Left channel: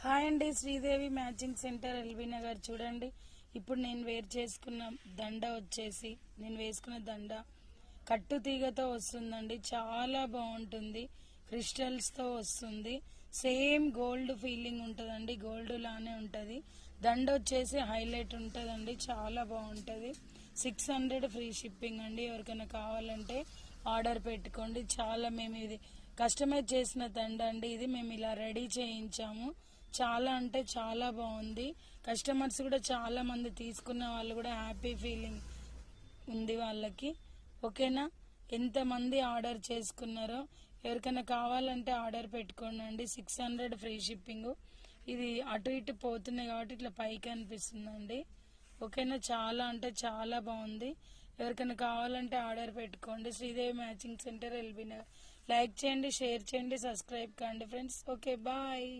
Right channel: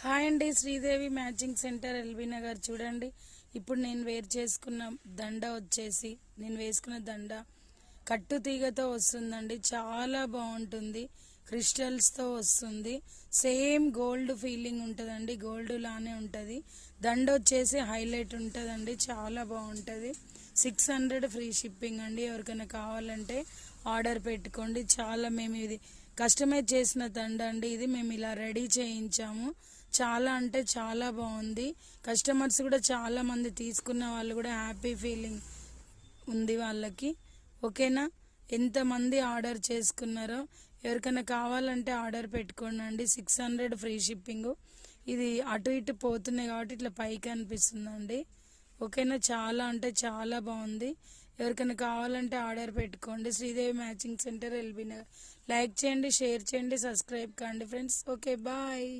Hi అండి, Sridevi matching centre LB Nagar. చూడండి, ఇప్పుడు నేను వేర్ చేసుకున్న దండ వచ్చేసి నేను వేసుకున్న దండ కట్టు తీగతో వస్తుందండి. చాలా బాగుంటుంది, క్రిస్టల్స్తో వస్తుంది. సేమ్ గోల్డ్ ఫీలింగ్ ఉంటుందండి, గోల్డ్ లానే ఉంటుంది. దండ వచ్చేసి హైలైట్ ఉంటుందండి, చాలా బాగుంటుంది. 600 ఫ్రీ షిప్పింగ్ అండి. ఎవరికైనా కావాలంటే ఆర్డర్ పెట్టుకోండి. చాలా మేము ఇది కస్టమైజ్ చేసిన దండ అండి. ఇది మేము ఇలా రెడీ చేయించాము. చాలా అంటే చాలా బాగుంది. కస్టమర్స్ కూడా చాలా మంది తీసుకున్న వాళ్ళు కూడా హ్యాపీ ఫీలింగ్ ఉంది వాళ్ళకి. ఓకేనా, ఎంతమంది ఆర్డర్ చేసుకున్నారో ఎవరికైనా కావాలంటే ఆర్డర్ పెట్టుకోండి. 600 ఫ్రీ షిప్పింగ్. ఇది అటు ఇటు పోతున్నాయి కాబట్టి ఇట్లా పైకి అనిపిస్తుందండి. ఓకేనా, చాలా అంటే చాలా బాగుంది. ఎవరికైనా కావాలంటే ఆర్డర్ పెట్టుకోండి. Sridevi matching centre LB Nagar. Like చేయండి, షేర్ చేయండి, సబ్స్క్రైబ్ కండి ఫ్రెండ్స్. Okay, bye.